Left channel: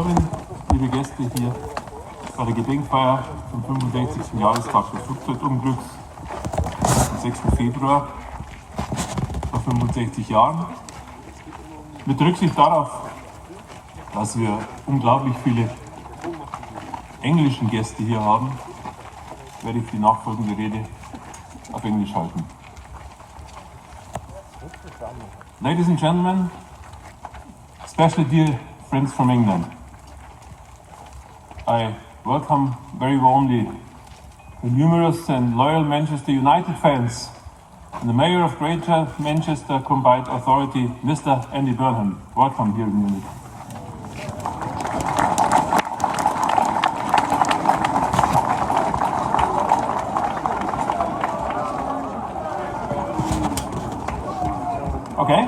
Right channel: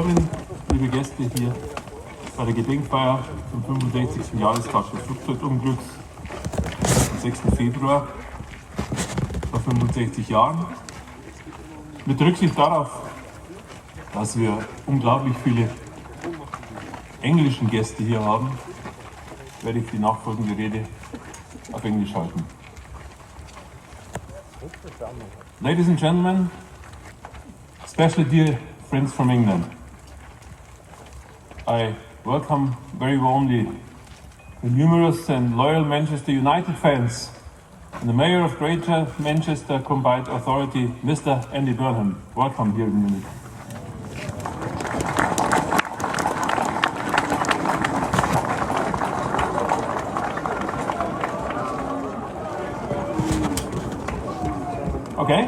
willkommen, liebe Gäste, hier bei der Gedenkfeier zum 65. Jahrestag des Flugzeugunglücks am 6. Februar vor 65 Jahren. Mit Rücksicht darauf, dass wir unglaublich viele englische Gäste hier haben, werde ich die nachfolgende Rede auf Englisch halten. Ladies and gentlemen, especially dear friends from England, I welcome very warmly the numerous and loyal Manchester United fans and the Mayor of Greater Manchester Combined Authority, Mr. Andy Burnham. Welcome here in Munich. Okay?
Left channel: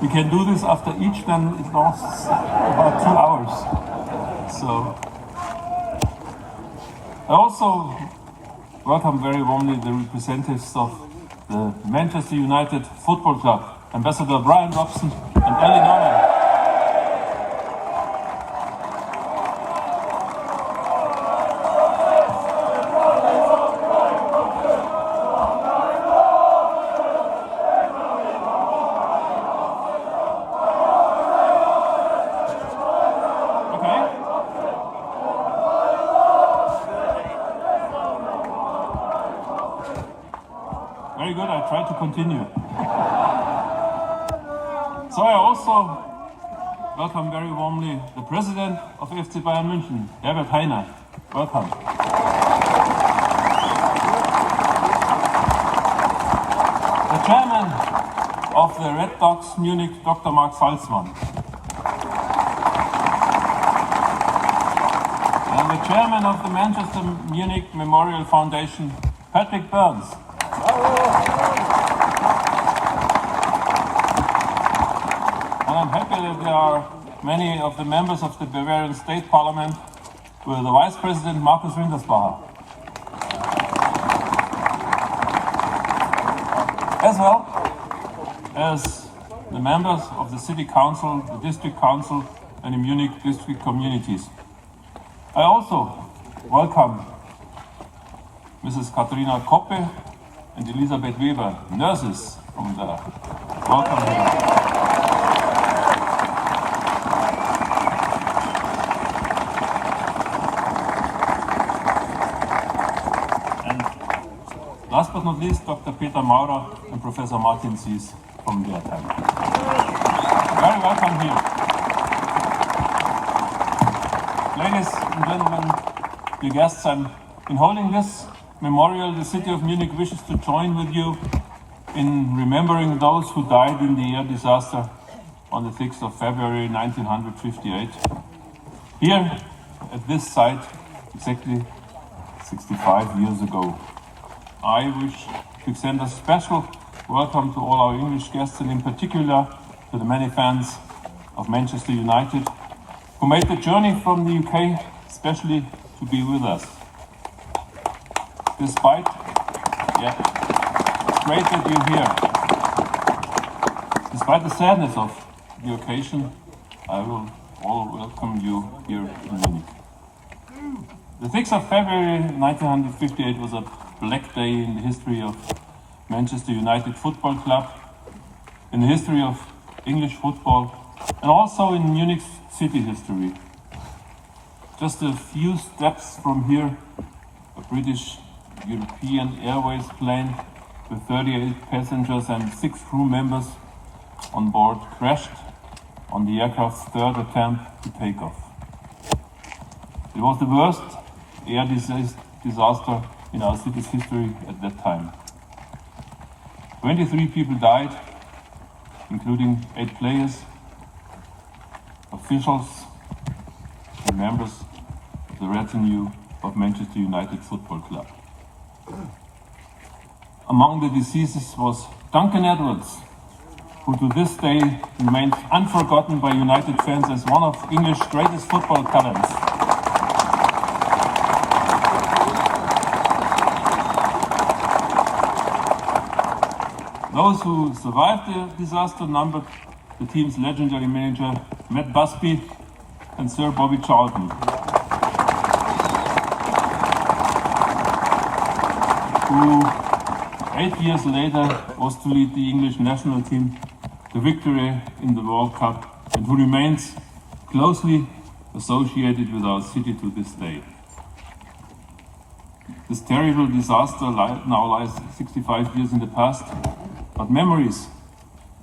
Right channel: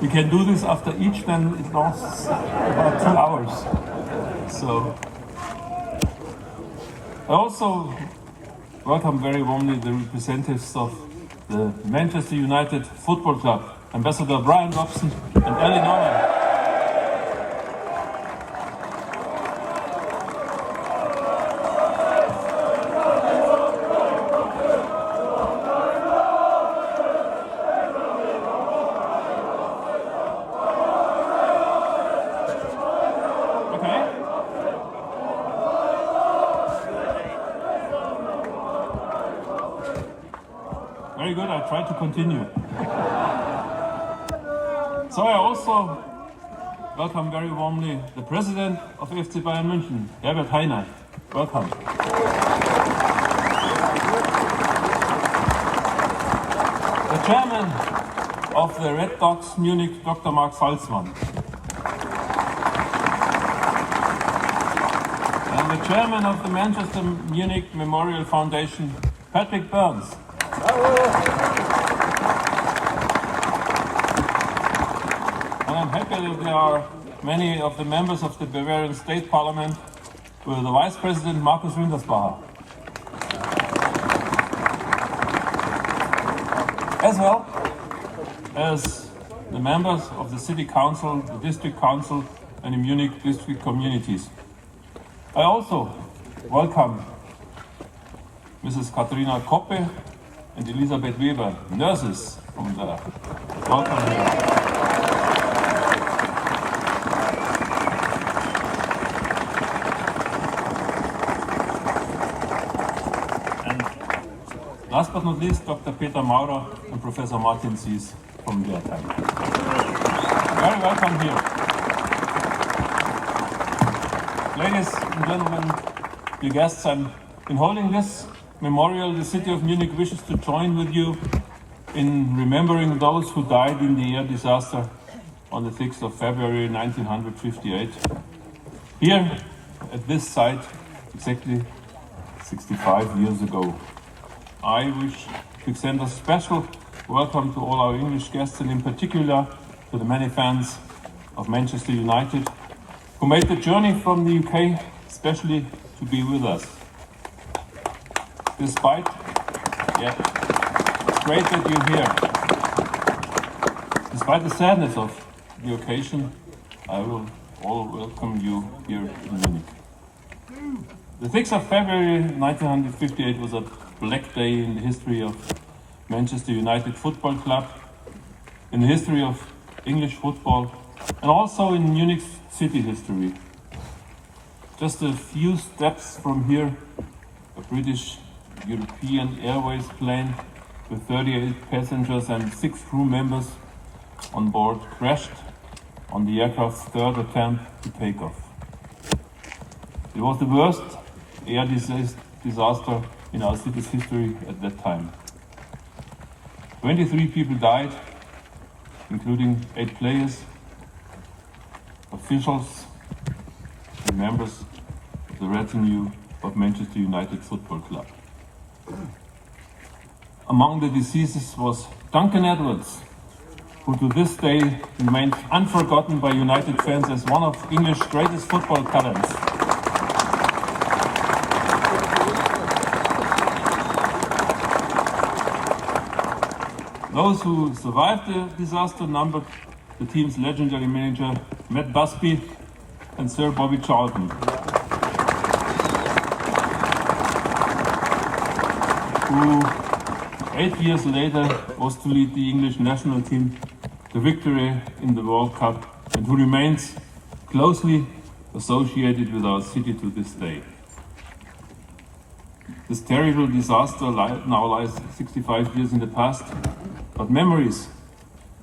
We can do this after each, then it lasts about 2 hours. So, I also welcome very warmly the representatives of the Manchester United Football Club, Ambassador Bryan Robson and Ellie Norman. Very good, I'll try to continue. So I also welcome very warmly the President of FC Bayern Munich, Herbert Hainer. Welcome. The Chairman of the Red Dogs Munich, Dr. Mark Salzmann. And the Chairman of the Manchester Munich Memorial Foundation, Patrick Burns. And I'm happy that there are many of the members of the Bavarian State Parliament with the Vice President Markus Wintersbacher. As well as the members of the City Council, the District Council and the Munich district communities. I also welcome Mrs. Katharina Koppe and Elisabeth Weber, nurses from the welcome here. And last but not least, Dr. Peter Maurer and Professor Martin Sies from their time. Very welcome here. Ladies and gentlemen, dear guests, in holding this memorial, the city of Munich wishes to join with you in remembering those who died in the air disaster on the 6th of February 1958. Here at this site, exactly 65 years ago. I wish to extend a special welcome to all our English guests and in particular to the many fans of Manchester United who made the journey from the UK especially to be with us. Despite, it's great that you're here. Despite the sadness of the occasion, I will all welcome you here in Munich. The 6th of February 1958 was a black day in the history of Manchester United Football Club, in the history of English football, and also in Munich's city history. Just a few steps from here, a British European Airways plane with 38 passengers and 6 crew members on board crashed on the aircraft's third attempt to take off. It was the worst air disaster in our city's history at that time. 23 people died, including 8 players, officials, and members of the retinue of Manchester United Football Club. Among the deceased was Duncan Edwards, who to this day remains unforgotten by United fans as one of English's greatest football talents. Those who survived the disaster numbered the team's legendary manager Matt Busby and Sir Bobby Charlton, who 8 years later was to lead the English national team to victory in the World Cup and who remains closely associated with our city to this day. This terrible disaster now lies 65 years in the past, but memories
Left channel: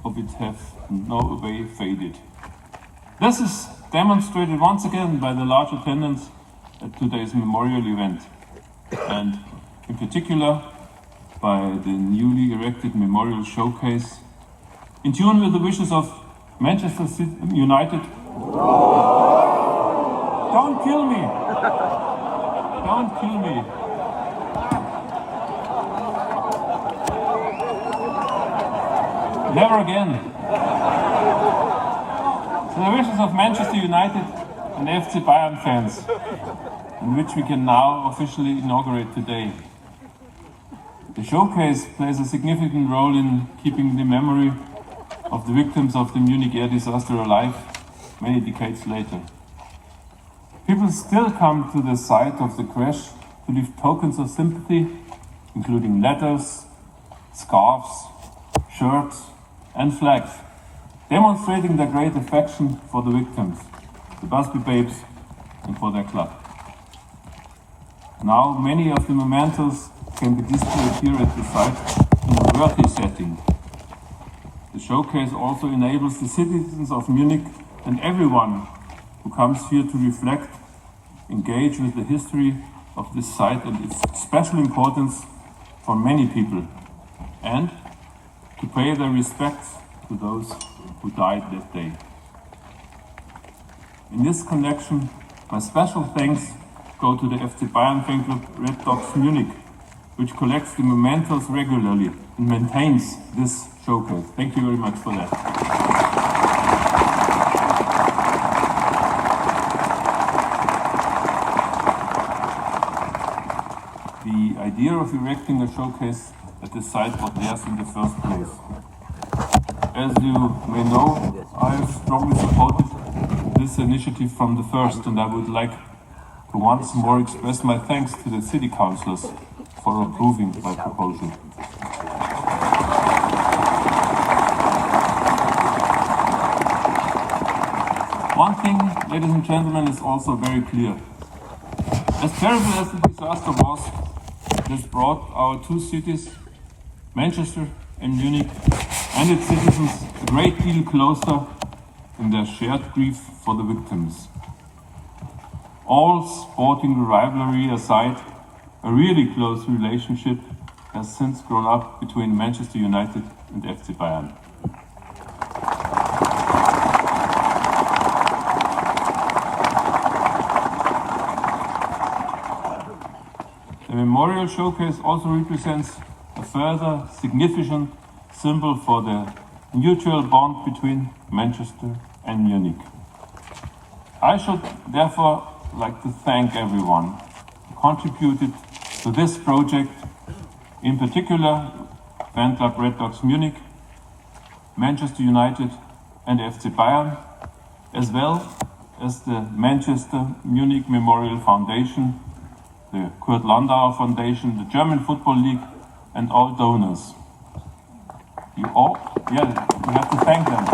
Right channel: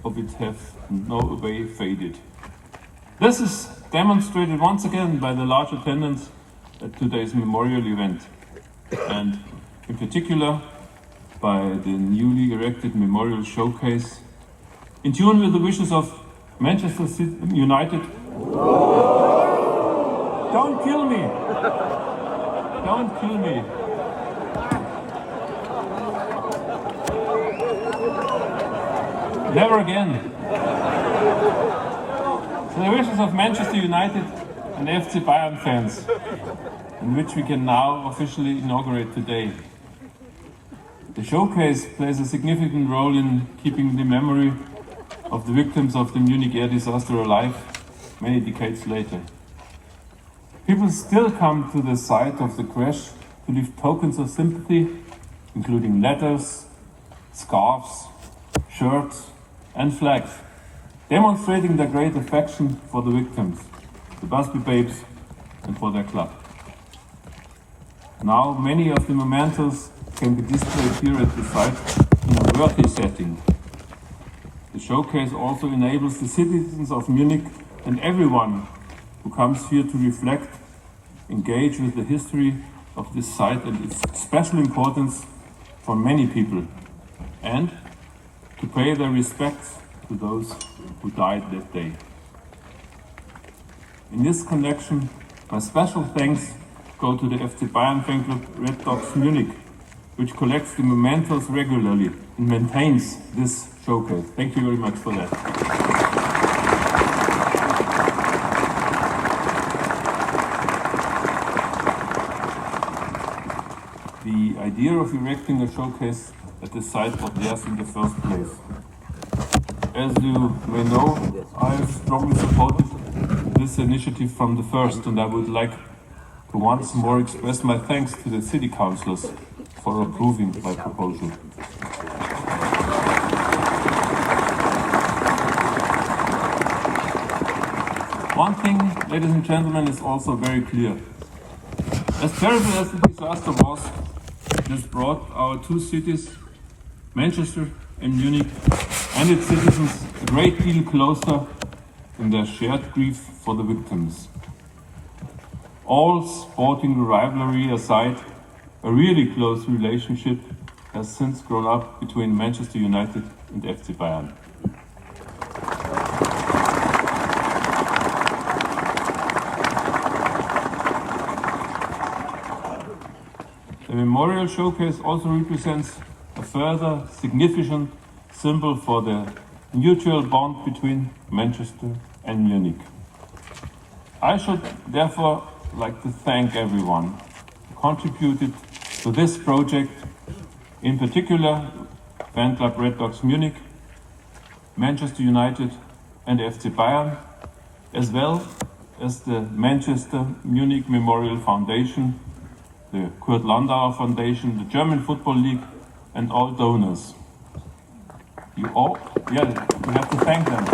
of it have no way faded. This is demonstrated once again by the large attendance at today's memorial event, and in particular by the newly erected memorial showcase, in tune with the wishes of Manchester United. Don't kill me! Don't kill me! Never again. So the wishes of Manchester United and FC Bayern fans, in which we can now officially inaugurate today. The showcase plays a significant role in keeping the memory of the victims of the Munich air disaster alive many decades later. People still come to the site of the crash to leave tokens of sympathy, including letters, scarves, shirts, and flags, demonstrating their great affection for the victims, the Busby Babes, and for their club. Now, many of the mementos can be displayed here at the site in a worthy setting. The showcase also enables the citizens of Munich and everyone who comes here to reflect, engage with the history of this site and its special importance for many people, and to pay their respects to those who died that day. In this connection, my special thanks go to the FC Bayern fan club Red Dogs Munich, which collects the mementos regularly and maintains this showcase. Thank you very much for that. The idea of erecting a showcase at the site was theirs in the first place. As you may know, I have strongly supported this initiative from the first, and I would like to once more express my thanks to the city councillors for approving my proposal. One thing, ladies and gentlemen, is also very clear. As terrible as the disaster was, it has brought our two cities, Manchester and Munich, and its citizens a great deal closer in their shared grief for the victims. All sporting rivalry aside, a really close relationship has since grown up between Manchester United and FC Bayern. The memorial showcase also represents a further significant symbol for the mutual bond between Manchester and Munich. I should therefore like to thank everyone who contributed to this project, in particular Fan Club Red Dogs Munich, Manchester United and FC Bayern, as well as the Manchester Munich Memorial Foundation, the Kurt Landauer Foundation, the German Football League, and all donors. You have to thank them.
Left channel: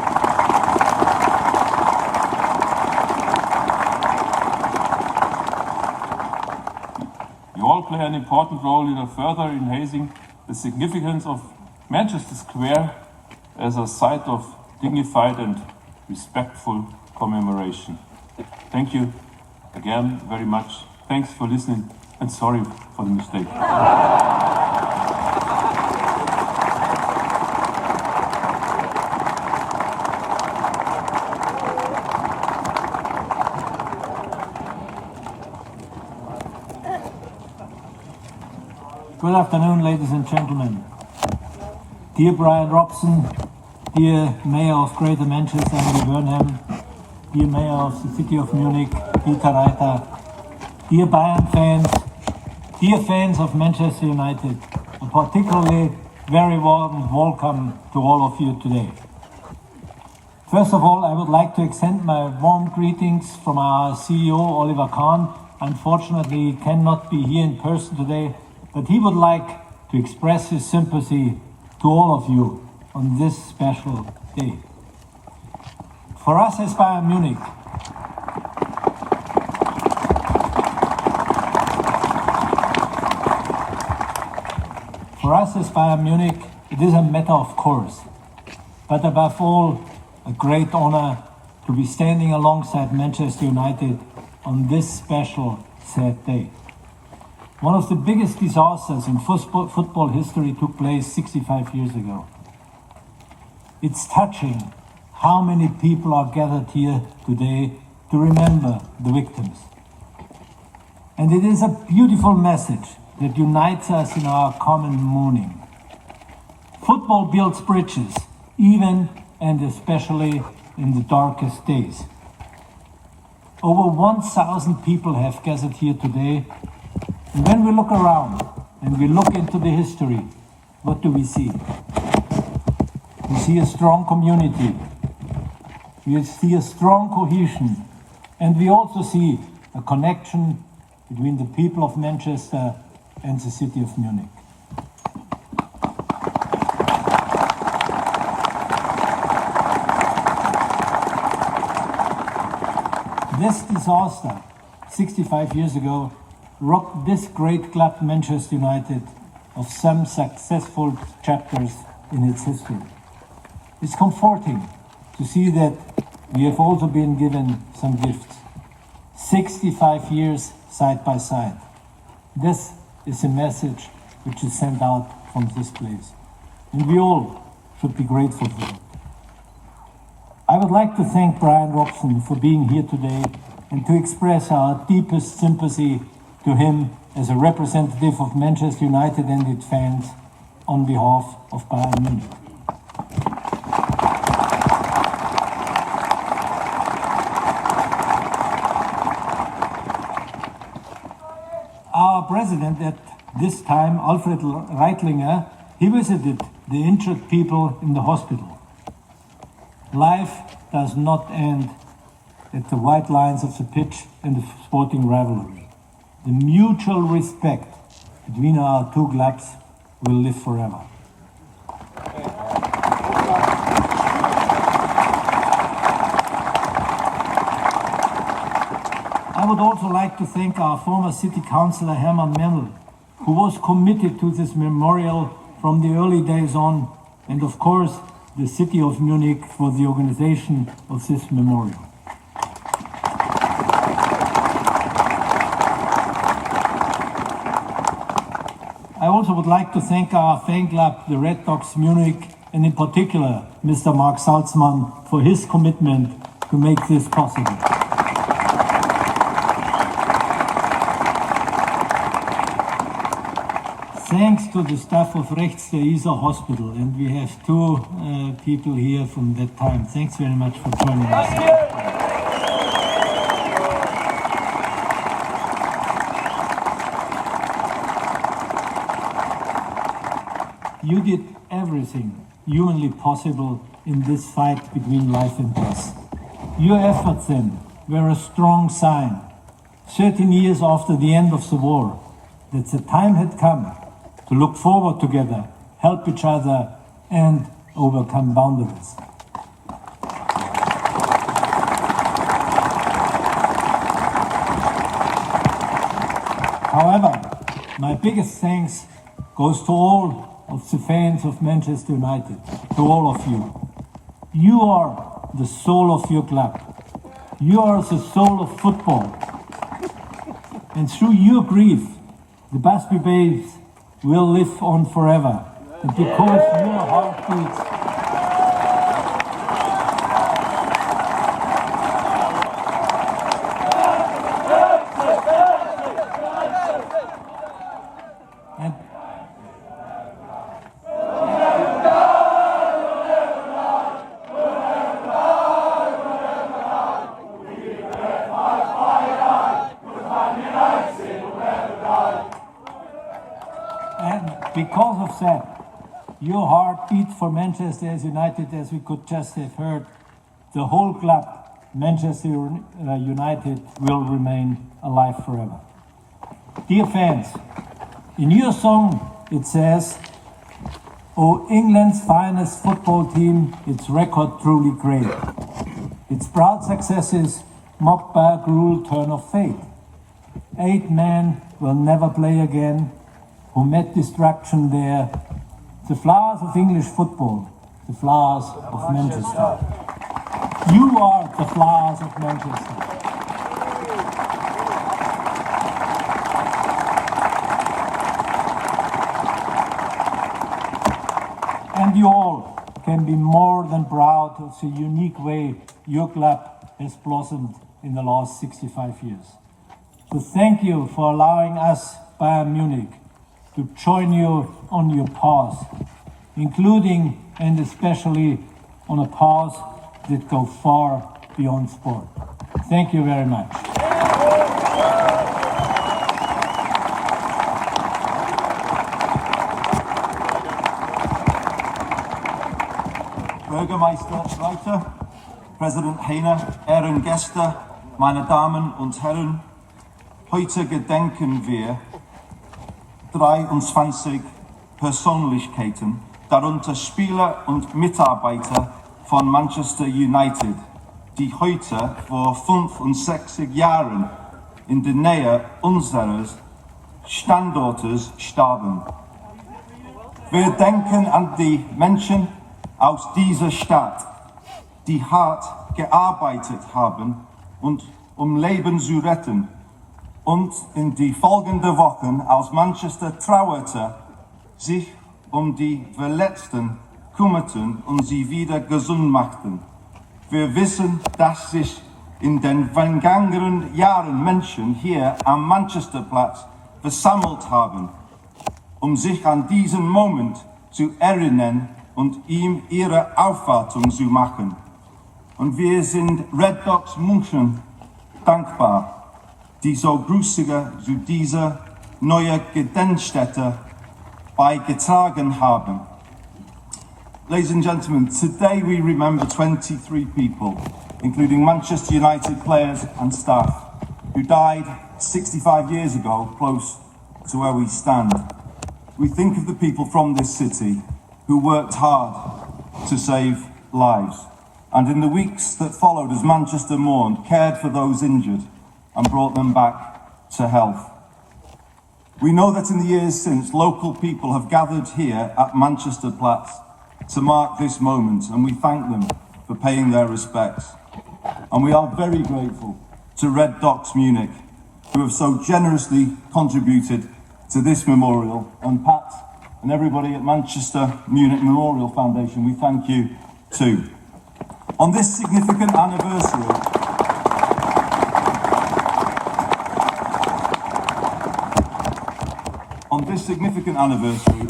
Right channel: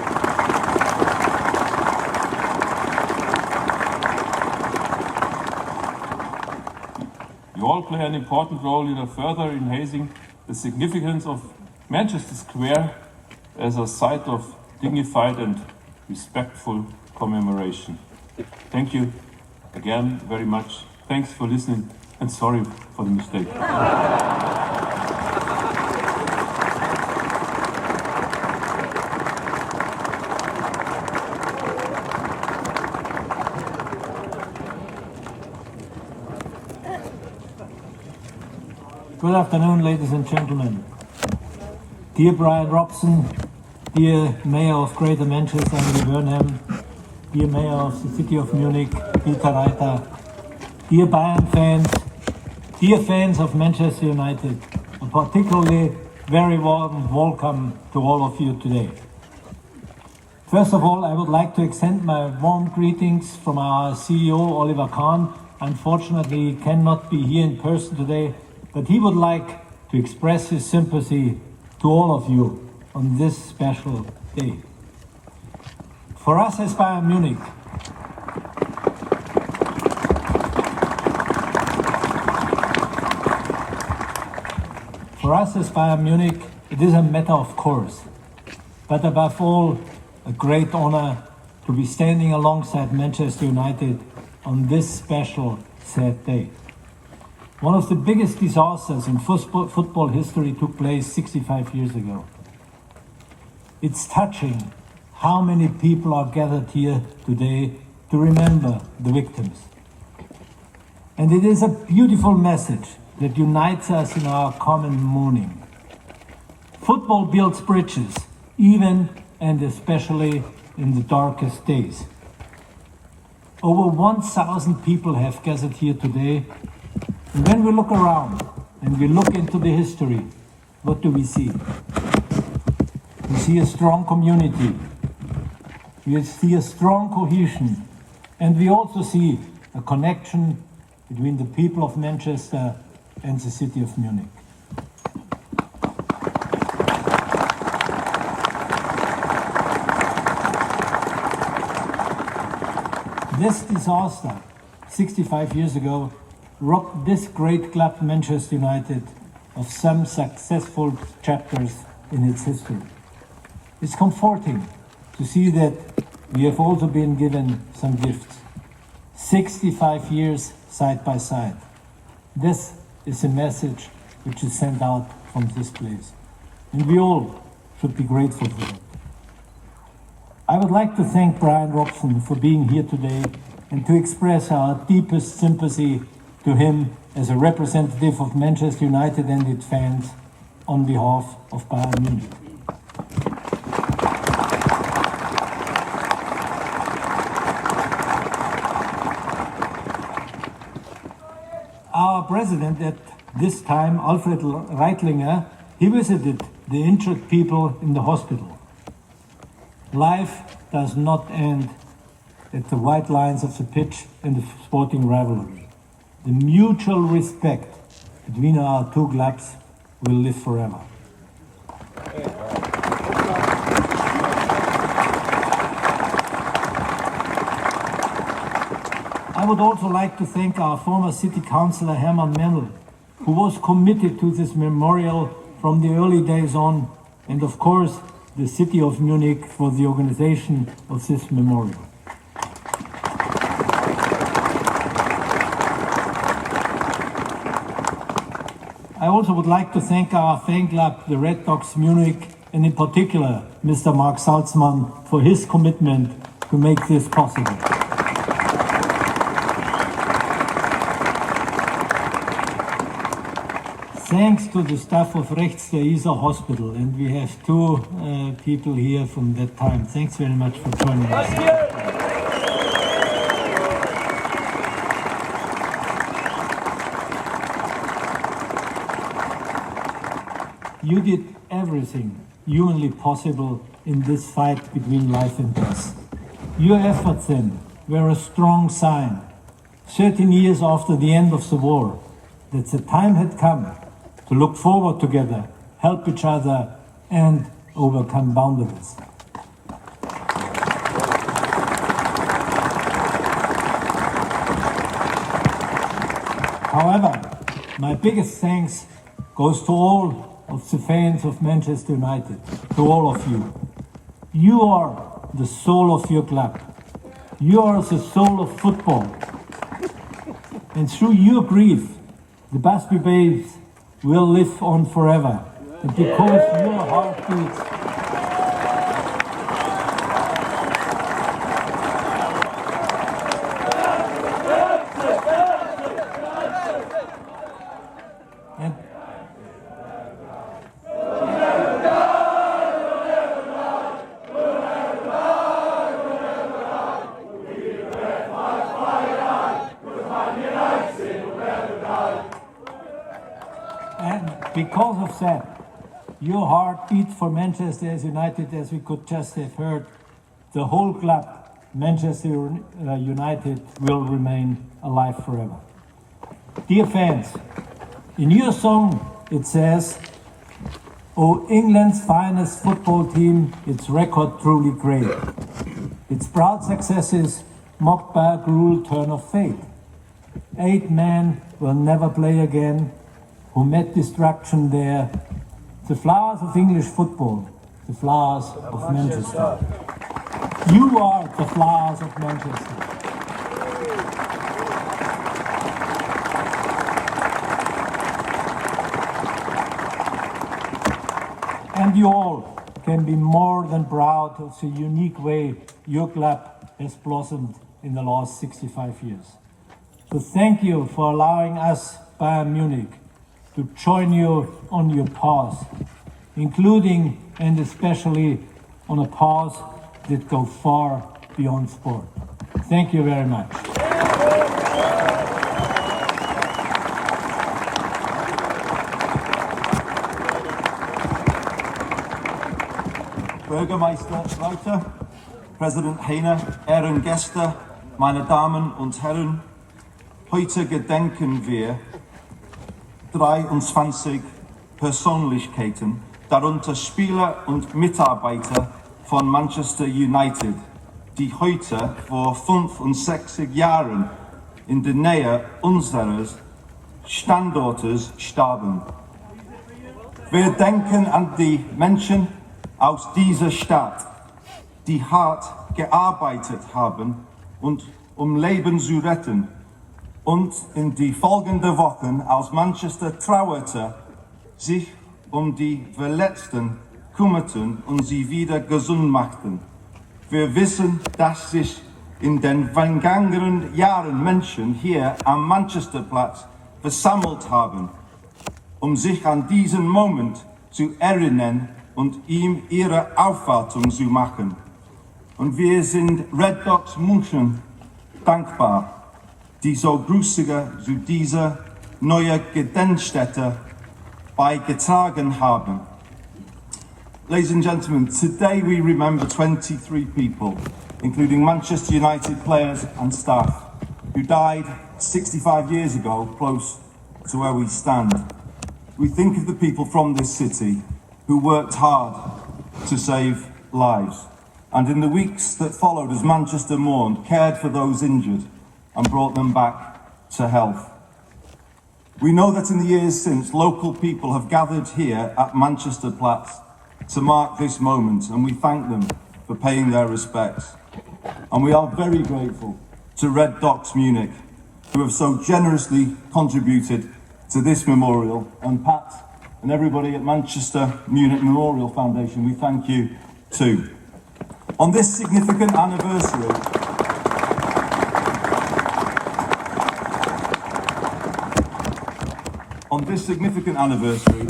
You all play an important role in further enhancing the significance of Manchester Square as a site of dignified and respectful commemoration. Thank you again very much. Thanks for listening, and sorry for the mistake. Good afternoon, ladies and gentlemen. Dear Bryan Robson, dear Mayor of Greater Manchester Andy Burnham, dear Mayor of the City of Munich Dieter Reiter, dear Bayern fans, dear fans of Manchester United, and particularly very warm welcome to all of you today. First of all, I would like to extend my warm greetings from our CEO, Oliver Kahn. Unfortunately, he cannot be here in person today, but he would like to express his sympathy to all of you on this special day. For us as Bayern Munich, it is a matter of course, but above all, a great honor to be standing alongside Manchester United on this special, sad day. One of the biggest disasters in football history took place 65 years ago. It's touching how many people are gathered here today to remember the victims. And it is a beautiful message that unites us in our common mourning. Football builds bridges, even and especially in the darkest days. Over 1,000 people have gathered here today. And when we look around and we look into the history, what do we see? We see a strong community. We see a strong cohesion. And we also see a connection between the people of Manchester and the city of Munich. This disaster, 65 years ago, robbed this great club, Manchester United, of some successful chapters in its history. It's comforting to see that we have also been given some gifts. 65 years side by side. This is a message which is sent out from this place. And we all should be grateful for it. I would like to thank Bryan Robson for being here today and to express our deepest sympathy to him as a representative of Manchester United and its fans on behalf of Bayern Munich. Our president at this time, Alfred Reitlinger, he visited the injured people in the hospital. Life does not end at the white lines of the pitch in the sporting rivalry. The mutual respect between our two clubs will live forever. I would also like to thank our former city councillor Hermann Mennel, who was committed to this memorial from the early days on, and of course the city of Munich for the organization of this memorial. I also would like to thank our fan club, the Red Dogs Munich, and in particular Mr. Mark Salzmann for his commitment to make this possible. Thanks to the staff of Rechts der Isar Hospital, and we have two people here from that time. Thanks very much for joining us. You did everything humanly possible in this fight between life and death. Your efforts then were a strong sign, 13 years after the end of the war, that the time had come to look forward together, help each other, and overcome boundaries. However, my biggest thanks goes to all of the fans of Manchester United, to all of you. You are the soul of your club. You are the soul of football. And through your grief, the Busby Babes will live on forever. And because your heart beats, and because of that, your heart beats for Manchester as United, as we could just have heard. the whole club, Manchester United, will remain alive forever. Dear fans, in your song it says, "Oh, England's finest football team, its record truly great. Its proud successes mocked by a cruel turn of fate. 8 men will never play again, who met destruction there. The flowers of English football, the flowers of Manchester. You are the flowers of Manchester." And you all can be more than proud of the unique way your club has blossomed in the last 65 years. So thank you for allowing us, Bayern Munich, to join you on your path, including and especially on a path that go far beyond sport. Thank you very much. Bürgermeister Reiter, President Heiner, Ehrengäste, meine Damen und Herren, heute gedenken wir 23 Persönlichkeiten, darunter Spieler und Mitarbeiter von Manchester United, die heute vor 65 Jahren in der Nähe unseres Standortes starben. Wir denken an die Menschen aus dieser Stadt, die hart gearbeitet haben, um Leben zu retten, und in die folgenden Wochen aus Manchester trauerte, sich um die Verletzten kümmerten und sie wieder gesund machten. Wir wissen, dass sich in den vergangenen Jahren Menschen hier am Manchesterplatz versammelt haben, um sich an diesen Moment zu erinnern und ihm ihre Aufwartung zu machen. Und wir sind Red Dogs München dankbar, die so Grüßige zu dieser neuen Gedenkstätte beigetragen haben. Ladies and gentlemen, today we remember 23 people, including Manchester United players and staff, who died 65 years ago, close to where we stand. We think of the people from this city who worked hard to save lives, and in the weeks that followed as Manchester mourned, cared for those injured and brought them back to health. We know that in the years since, local people have gathered here at Manchesterplatz to mark this moment, and we thank them for paying their respects. And we are very grateful to Red Dogs Munich, who have so generously contributed to this memorial, and Pat and everybody at Manchester Munich Memorial Foundation, we thank you too. On this significant anniversary,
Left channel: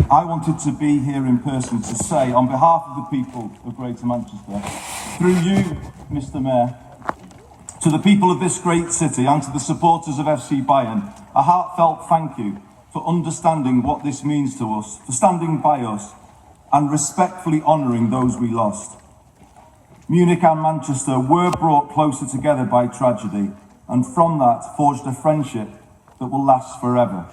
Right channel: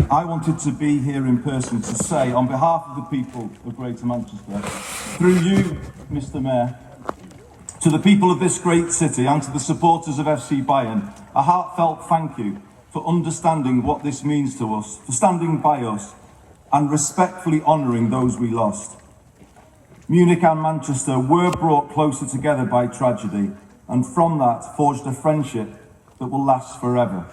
I wanted to be here in person to say, on behalf of the people of Greater Manchester, through you, Mr. Mayor, to the people of this great city and to the supporters of FC Bayern, a heartfelt thank you for understanding what this means to us, for standing by us and respectfully honouring those we lost. Munich and Manchester were brought closer together by tragedy, and from that forged a friendship that will last forever.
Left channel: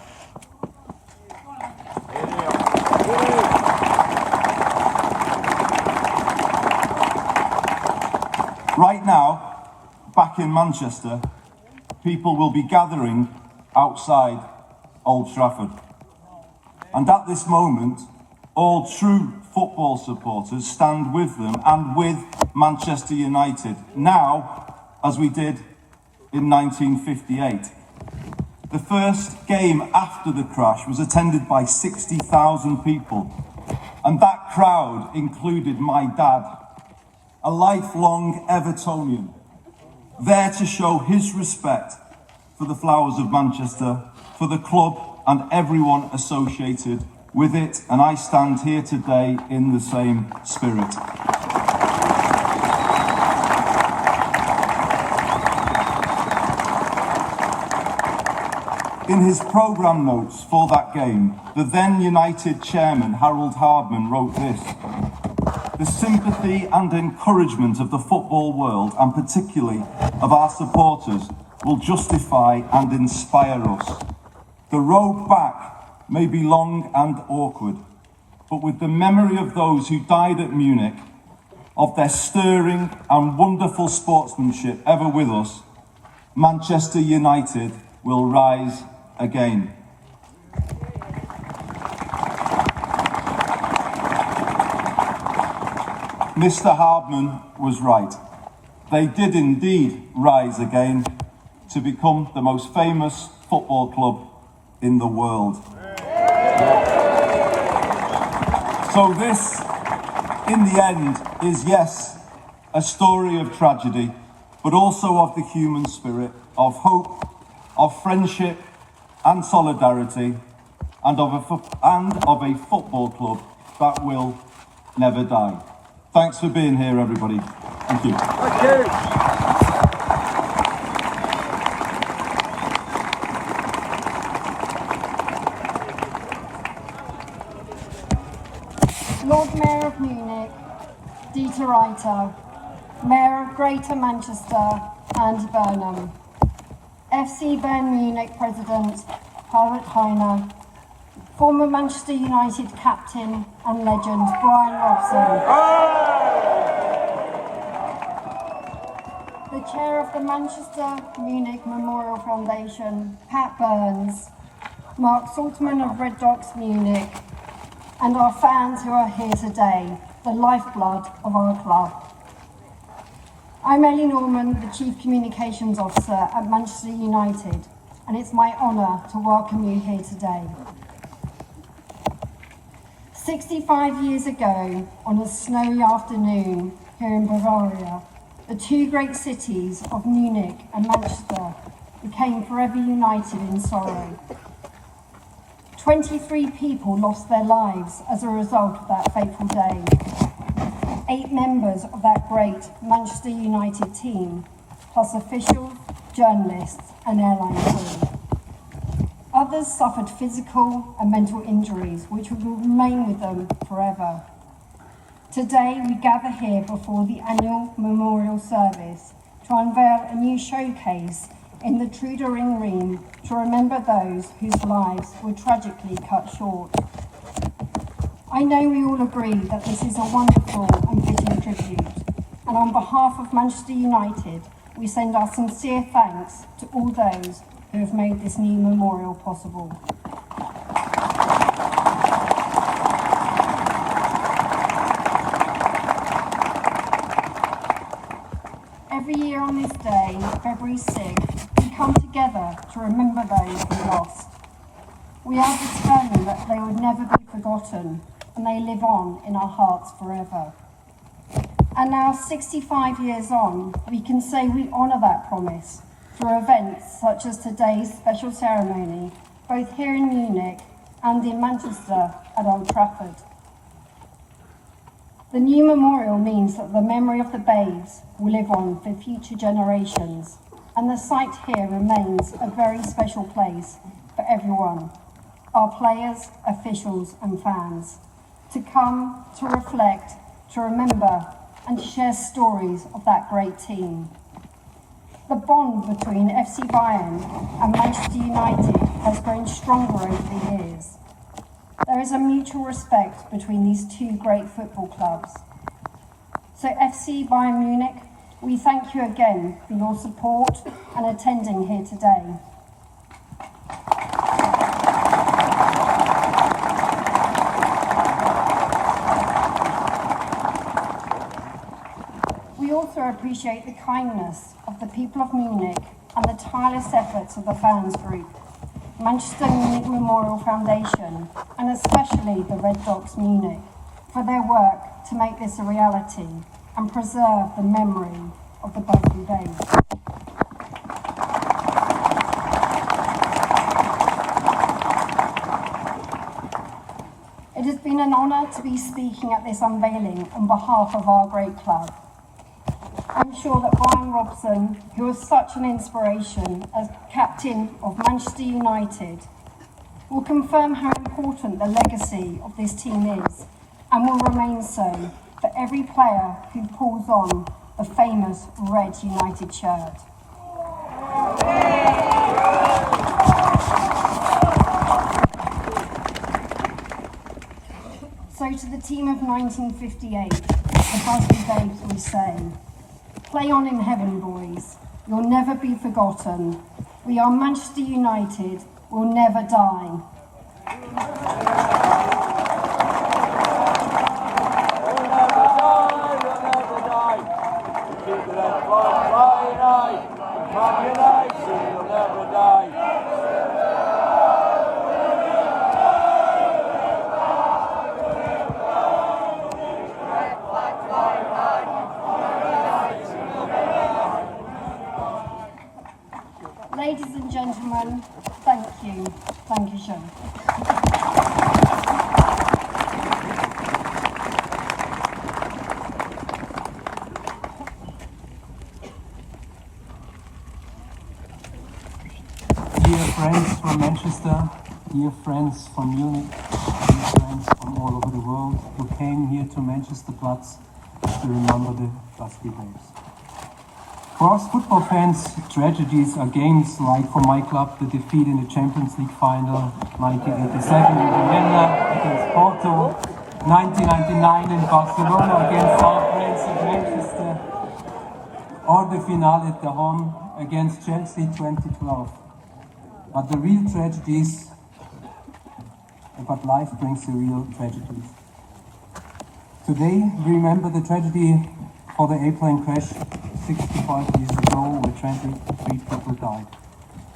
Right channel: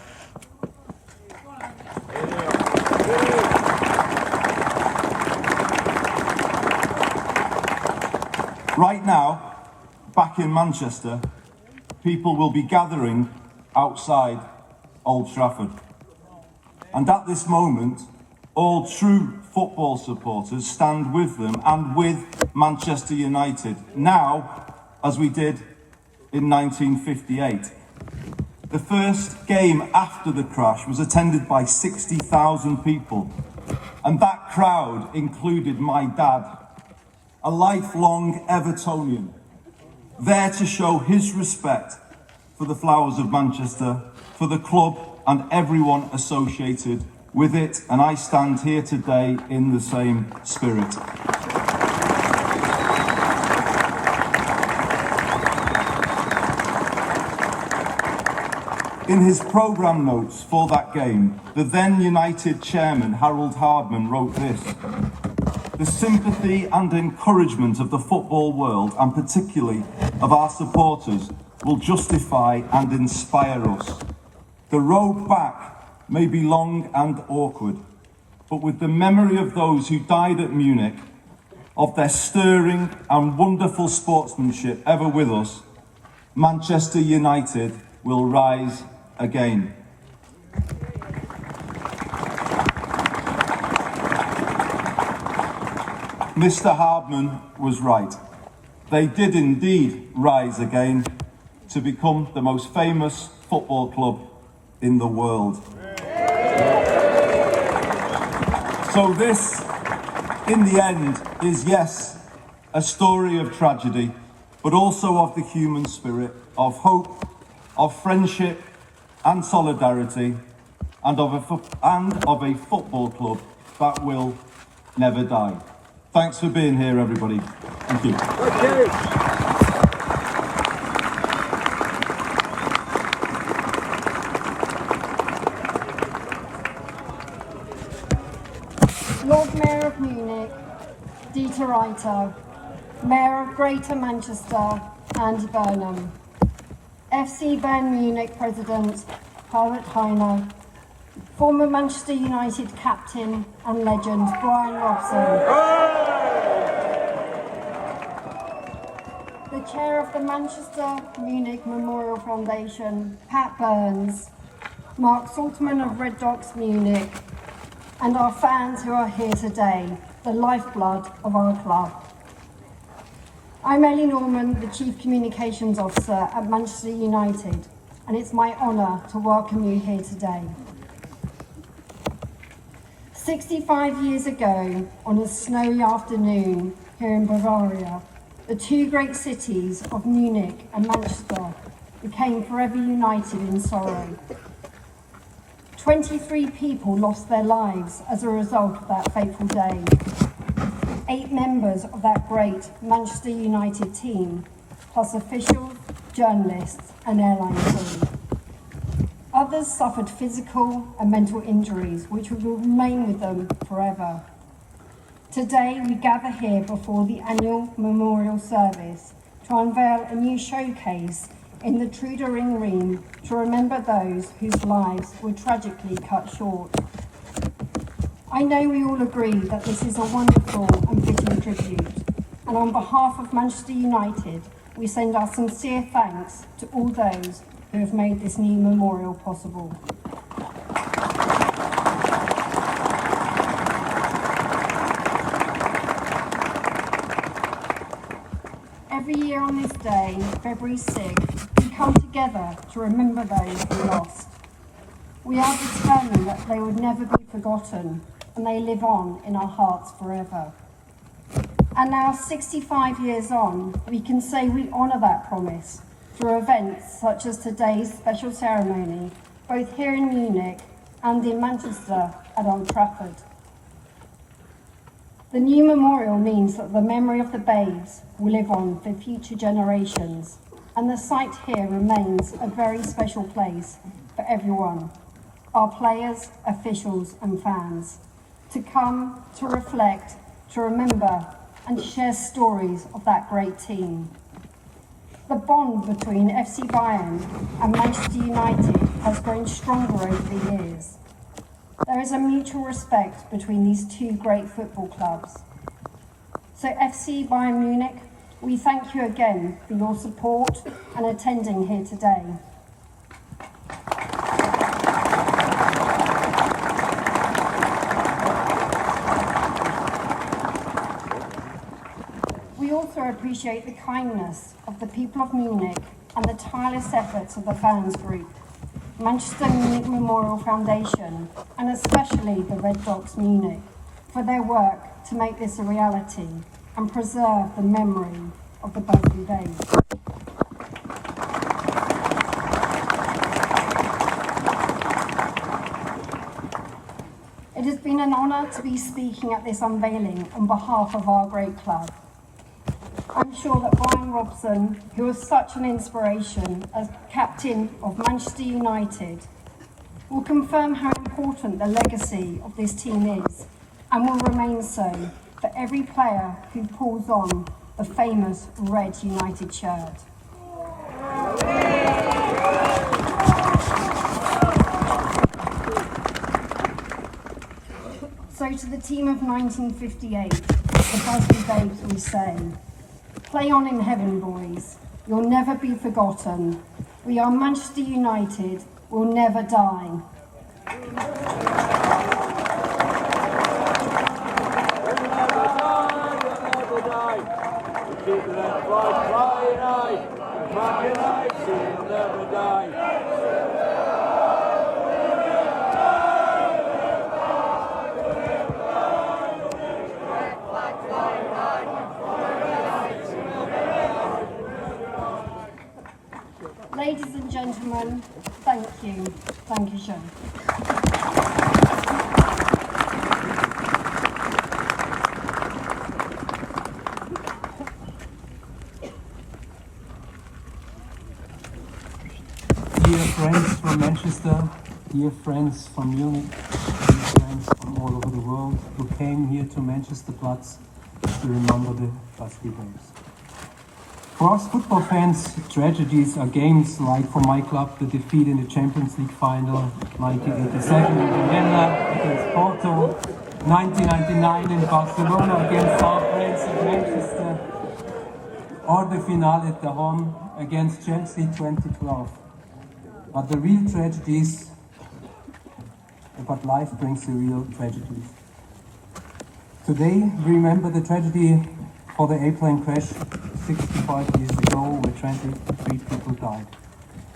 Right now, back in Manchester, people will be gathering outside Old Trafford. And at this moment, all true football supporters stand with them and with Manchester United, now as we did in 1958. The first game after the crash was attended by 60,000 people, and that crowd included my dad, a lifelong Evertonian, there to show his respect for the flowers of Manchester, for the club and everyone associated with it, and I stand here today in the same spirit. In his programme notes for that game, the then United chairman, Harold Hardman, wrote this: the sympathy and encouragement of the football world, and particularly of our supporters, will justify and inspire us. The road back may be long and awkward, but with the memory of those who died at Munich, of their stirring and wonderful sportsmanship ever with us, Manchester United will rise again. Mr. Hardman was right. They did indeed rise again to become the most famous football club in the world. So this, in the end, is yes, a story of tragedy, but also of the human spirit, of hope, of friendship and solidarity, and of a football club that will never die. Thanks for being here, everybody. Thank you. Thank you. Lord Mayor of Munich, Dieter Reiter, Mayor of Greater Manchester Andy Burnham, FC Bayern Munich President Herbert Hainer, former Manchester United captain and legend Bryan Robson, the chair of the Manchester Munich Memorial Foundation, Pat Burns, Mark Salzmann of Red Dogs Munich, and our fans who are here today, the lifeblood of our club. I'm Ellie Norman, the Chief Communications Officer at Manchester United, and it's my honour to welcome you here today. 65 years ago, on a snowy afternoon here in Bavaria, the two great cities of Munich and Manchester became forever united in sorrow. 23 people lost their lives as a result of that fateful day. 8 members of that great Manchester United team, plus officials, journalists and airline crew. Others suffered physical and mental injuries which will remain with them forever. Today we gather here before the annual memorial service to unveil a new showcase in the Trudering Ring to remember those whose lives were tragically cut short. I know we all agree that this is a wonderful and fitting tribute, and on behalf of Manchester United, we send our sincere thanks to all those who have made this new memorial possible. Every year on this day, February 6th, we come together to remember those we lost. We are determined that they would never be forgotten, and they live on in our hearts forever. And now, 65 years on, we can say we honour that promise through events such as today's special ceremony, both here in Munich and in Manchester at Old Trafford. The new memorial means that the memory of the babes will live on for future generations, and the site here remains a very special place for everyone, our players, officials and fans, to come, to reflect, to remember and to share stories of that great team. The bond between FC Bayern and Manchester United has grown stronger over the years. There is a mutual respect between these two great football clubs. So FC Bayern Munich, we thank you again for your support and attending here today. We also appreciate the kindness of the people of Munich and the tireless efforts of the fans group, Manchester Munich Memorial Foundation, and especially the Red Dogs Munich, for their work to make this a reality and preserve the memory of the broken days. It has been an honour to be speaking at this unveiling on behalf of our great club. I'm sure that Bryan Robson, who was such an inspiration as captain of Manchester United, will confirm how important the legacy of this team is and will remain so for every player who pulls on the famous Red United shirt. So to the team of 1958, the Busby Babes we say, play on in heaven, boys. You'll never be forgotten. We are Manchester United. We'll never die. Keep the red flag flying high. Man United will never die. Ladies and gentlemen, thank you. Thank you, Sean. Dear friends from Manchester, dear friends from Munich, dear friends from all over the world who came here to Manchesterplatz to remember the Busby Babes. For us football fans, tragedies are games like for my club the defeat in the Champions League final, 1987 in Vienna against Porto, 1999 in Barcelona against our friends at Manchester, or the finale at the home against Chelsea 2012. But the real tragedies, but life brings the real tragedies. Today we remember the tragedy for the airplane crash 65 years ago where 23 people died.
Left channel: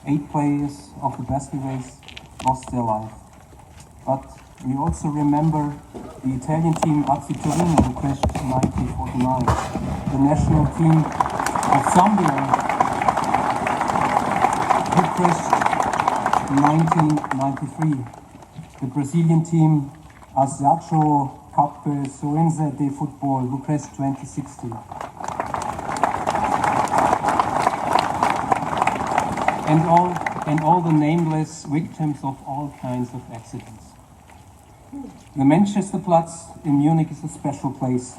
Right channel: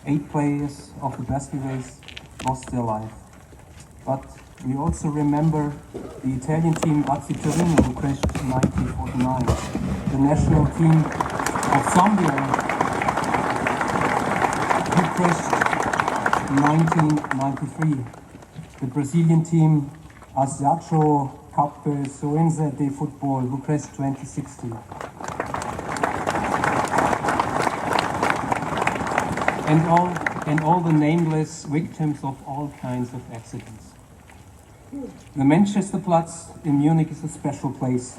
8 players of the Busby Babes lost their life. But we also remember the Italian team AC Torino who crashed in 1949, the national team of Zambia who crashed in 1993, the Brazilian team Asiacho Cup Soense de Football who crashed 2016. And all the nameless victims of all kinds of accidents. The Manchesterplatz in Munich is a special place.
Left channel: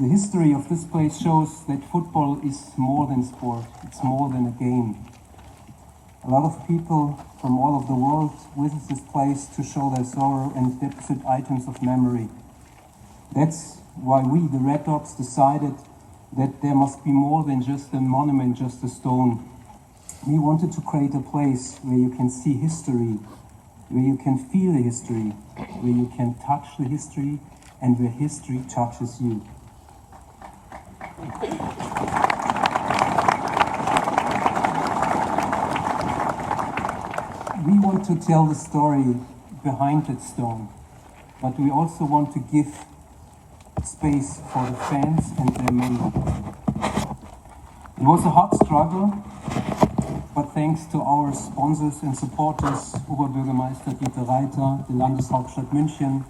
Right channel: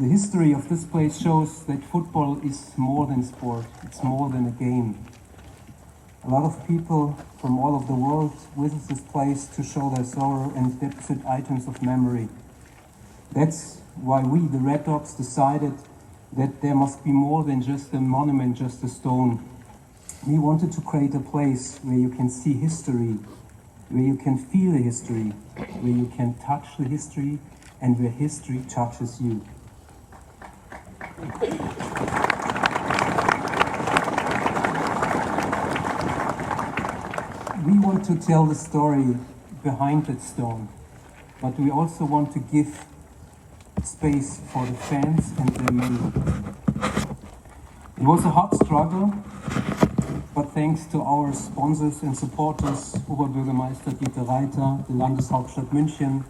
The history of this place shows that football is more than sport, it's more than a game. A lot of people from all over the world visit this place to show their sorrow and deposit items of memory. That's why we, the Red Dogs, decided that there must be more than just a monument, just a stone. We wanted to create a place where you can see history, where you can feel the history, where you can touch the history, and where history touches you. We want to tell the story behind that stone, but we also want to give space for the fans and their memory. It was a hard struggle, but thanks to our sponsors and supporters, Oberburgermeister Dieter Reiter, the Landeshauptstadt München,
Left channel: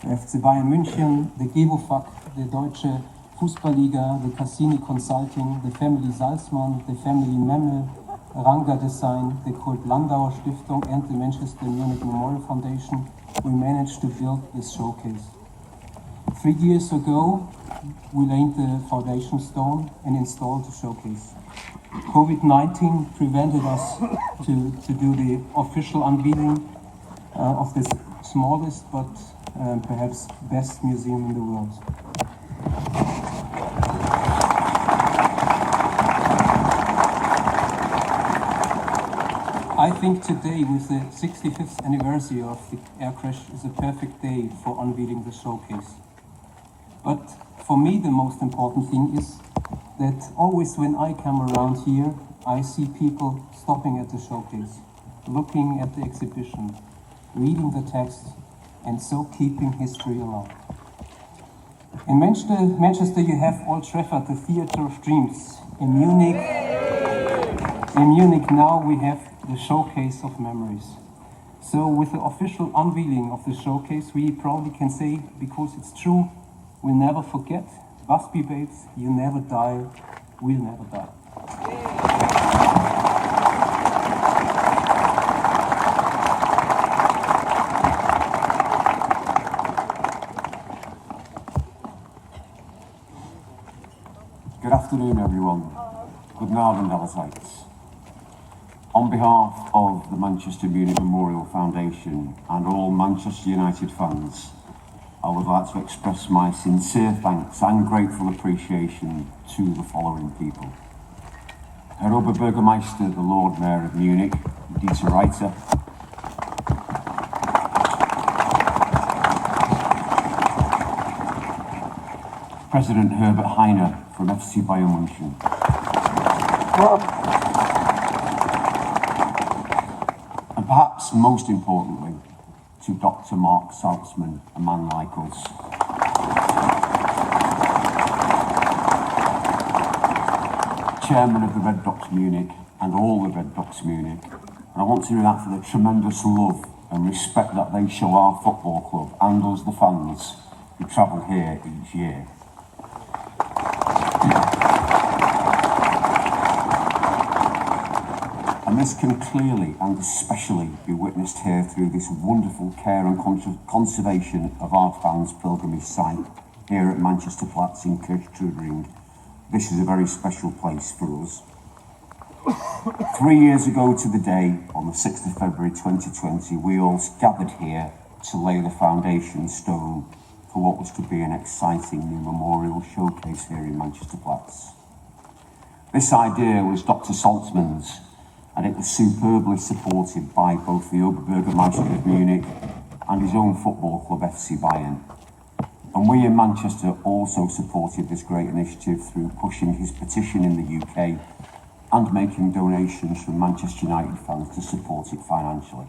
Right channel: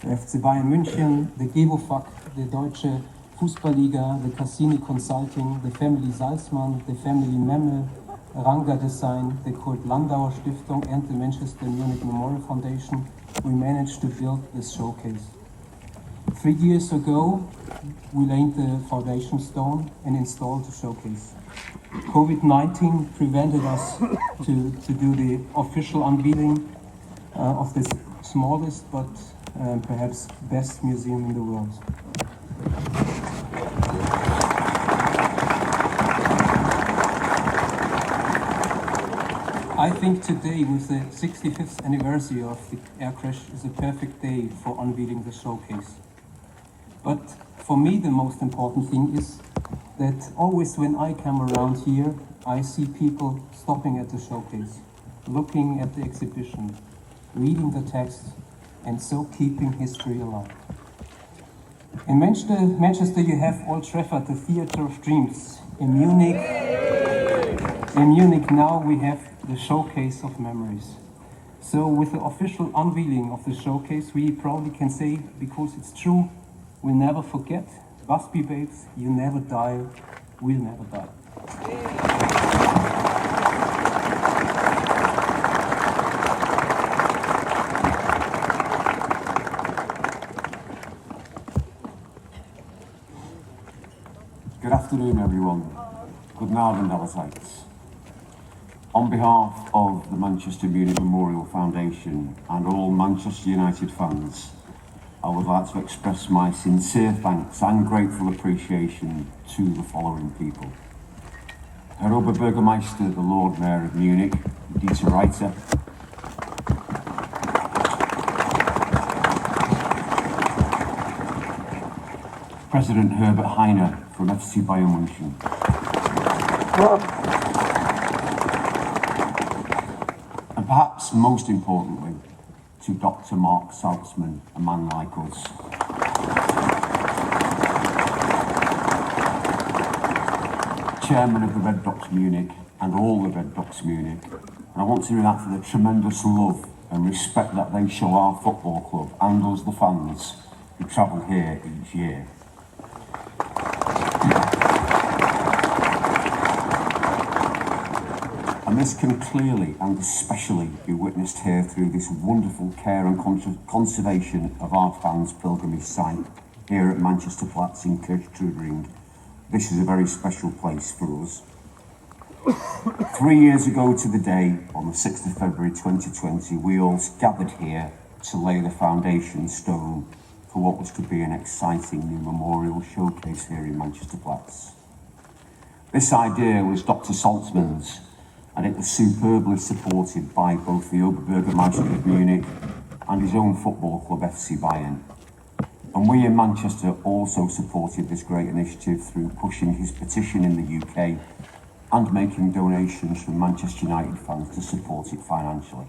the FC Bayern Munich, the GEWOFAC, the Deutsche Fußballliga, the Cassini Consulting, the family Salzmann, the family Memme, Ranga Design, the Kurt Landauer Stiftung and the Manchester Munich Memorial Foundation, we managed to build this showcase. 3 years ago, we laid the foundation stone and installed the showcase. COVID-19 prevented us to do the official unveiling of this smallest but perhaps best museum in the world. I think today, with the 65th anniversary of the air crash, is a perfect day for unveiling the showcase. But for me, the most important thing is that always when I come around here, I see people stopping at the showcase, looking at the exhibition, reading the text, and so keeping history alive. In Manchester, you have Old Trafford, the theatre of dreams. In Munich now we have the showcase of memories. So with the official unveiling of the showcase, we probably can say, because it's true, we'll never forget. Busby Babes, you never die, we'll never die. Good afternoon, everyone. Good Abend allerseits. On behalf of the Manchester Munich Memorial Foundation and all Manchester United fans, I would like to express my sincere thanks and grateful appreciation to the following people. Herr Oberburgermeister, the Lord Mayor of Munich, Dieter Reiter, President Herbert Hainer from FC Bayern Munich, and perhaps most importantly, to Dr. Mark Salzmann, a man like us. Chairman of the Red Docs Munich and all the Red Docs Munich, and I want to do that for the tremendous love and respect that they show our football club and us the fans who travel here each year. And this can clearly and especially be witnessed here through this wonderful care and conservation of our fans' pilgrimage site here at Manchesterplatz in Kirchtrudering. This is a very special place for us. 3 years ago to the day, on the 6th of February 2020, we all gathered here to lay the foundation stone for what was to be an exciting new memorial showcase here in Manchesterplatz. This idea was Dr. Salzmann's, and it was superbly supported by both the Oberburgermeister of Munich and his own football club FC Bayern. And we in Manchester also supported this great initiative through pushing his petition in the UK and making donations from Manchester United fans to support it financially.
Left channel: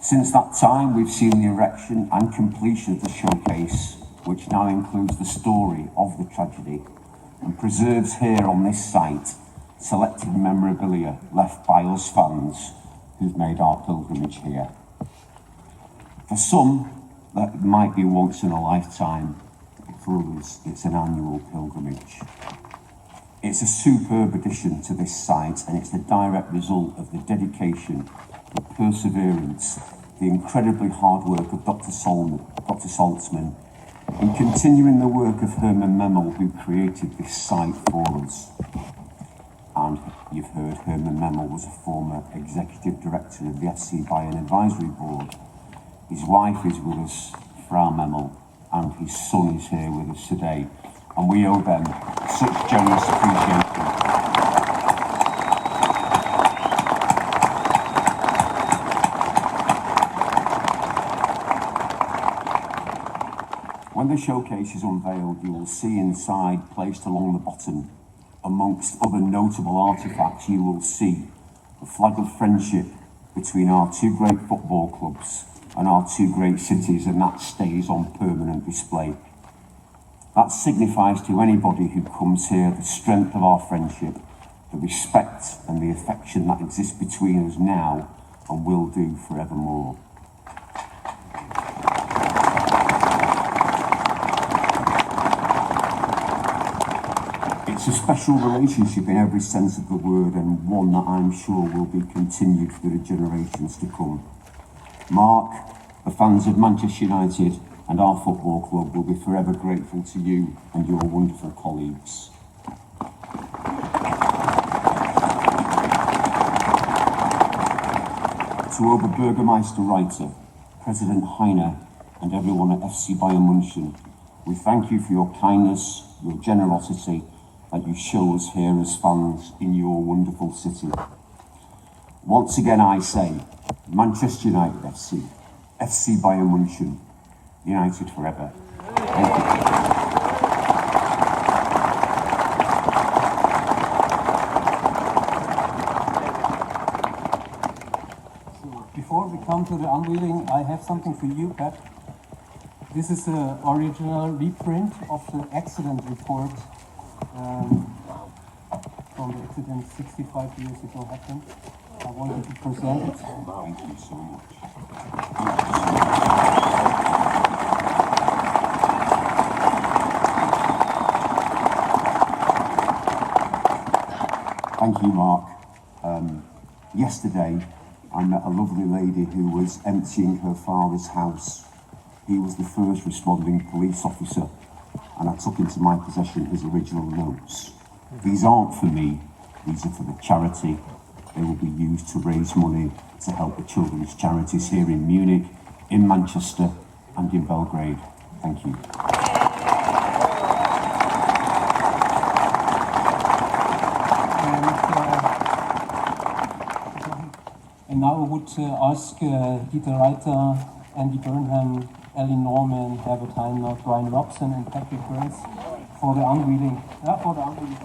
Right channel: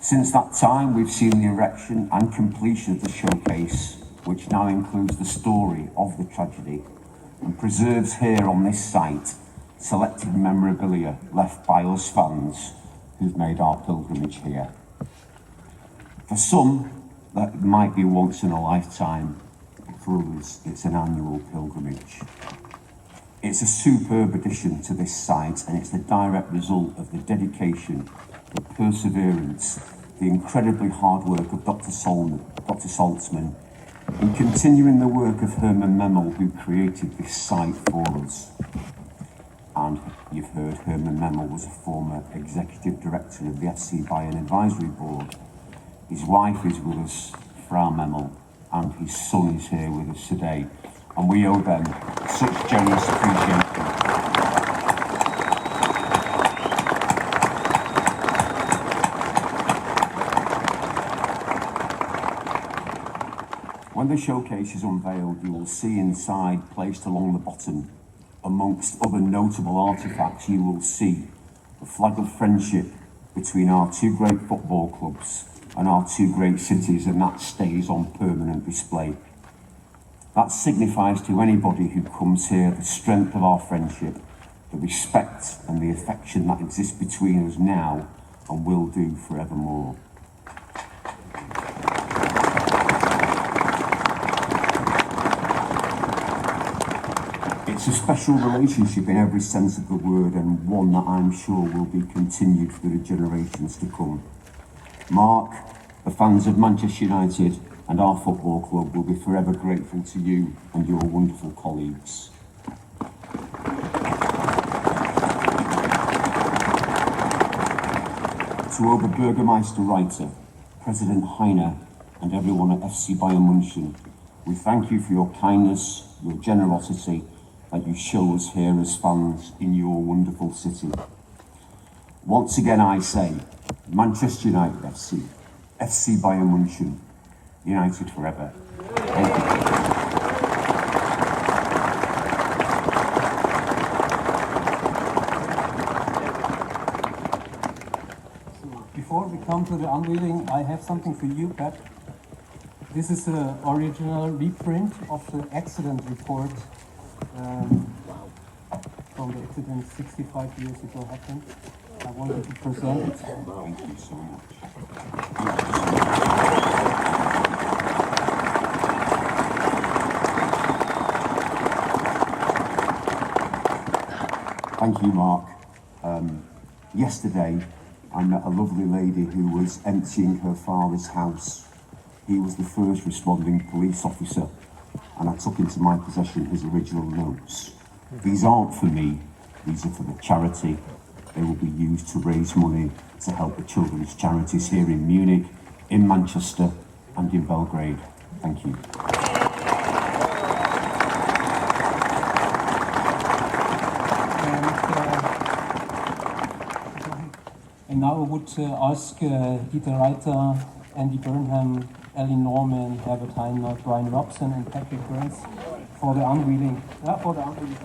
Since that time, we've seen the erection and completion of the showcase, which now includes the story of the tragedy and preserves here on this site selected memorabilia left by us fans who've made our pilgrimage here. For some, that might be once in a lifetime. For others, it's an annual pilgrimage. It's a superb addition to this site, and it's the direct result of the dedication, the perseverance, the incredibly hard work of Dr. Salzmann in continuing the work of Herman Memel, who created this site for us. And you've heard Herman Memel was a former executive director of the FC Bayern Advisory Board. His wife is with us, Frau Memel, and his son is here with us today. And we owe them such generous appreciation. When the showcase is unveiled, you will see inside, placed along the bottom, amongst other notable artefacts, you will see the flag of friendship between our two great football clubs and our two great cities, and that stays on permanent display. That signifies to anybody who comes here the strength of our friendship, the respect and the affection that exists between us now and will do forevermore. It's a special relationship in every sense of the word, and one that I'm sure will be continued for the generations to come. Mark, the fans of Manchester United and our football club will be forever grateful to you and your wonderful colleagues. To Oberburgermeister Reiter, President Heiner and everyone at FC Bayern Munich, we thank you for your kindness, your generosity that you show us here as fans in your wonderful city. Once again I say, Manchester United FC, FC Bayern Munich, United forever. Thank you. So before we come to the unveiling, I have something for you, Pat. This is the original reprint of the accident report from the accident 65 years ago happened. I wanted to present it. Thank you so much. Thank you, Mark. Yesterday, I met a lovely lady who was emptying her father's house. He was the first responding police officer and I took into my possession his original notes. These aren't for me, these are for the charity. They will be used to raise money to help the children's charities here in Munich, in Manchester and in Belgrade. Thank you. And now I would ask Dieter Reiter, Andy Burnham, Ellie Norman, Herbert Hainer, Bryan Robson and Patrick Burns for the unveiling. Yeah, for the unveiling.